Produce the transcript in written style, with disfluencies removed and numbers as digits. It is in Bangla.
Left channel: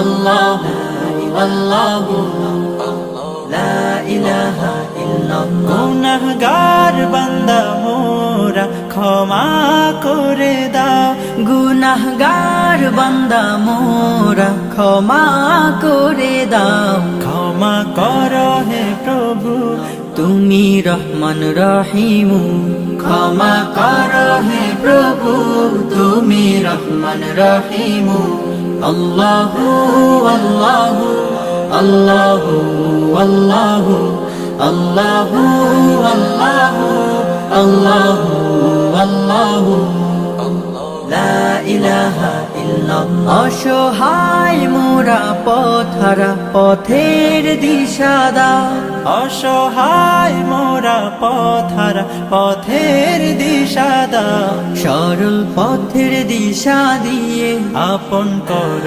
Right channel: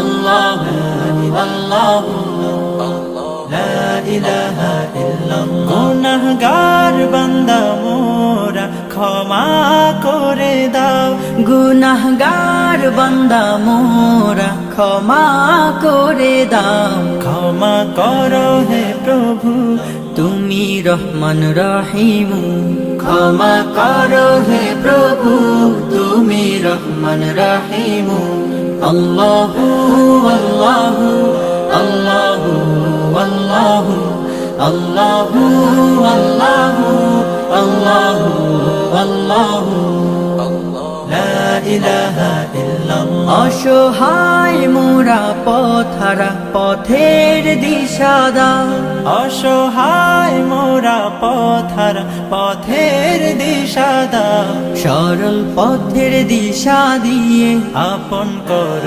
আল্লাহ আল্লাহ লা ইলাহা ইল্লাল্লাহ। গুনাহগার বান্দা মোরা ক্ষমা করে দাও, গুনাহগার বান্দা মোরা ক্ষমা করে দাও। ক্ষমা করো হে প্রভু তুমি রহমান রহিম, ক্ষমা করো হে প্রভু তুমি রহমান রহিম। আল্লাহু আল্লাহু আল্লাহু আল্লাহু আল্লাহু আল্লাহু আল্লাহু আল্লাহু লা ইলাহা ইল্লাল্লাহ। অসহায় মোরা পথহারা পথের দিশা দাও, অসহায় মোরা পথহারা পথের দিশা দাও। সরল পথের দিশা দিয়ে আপন কর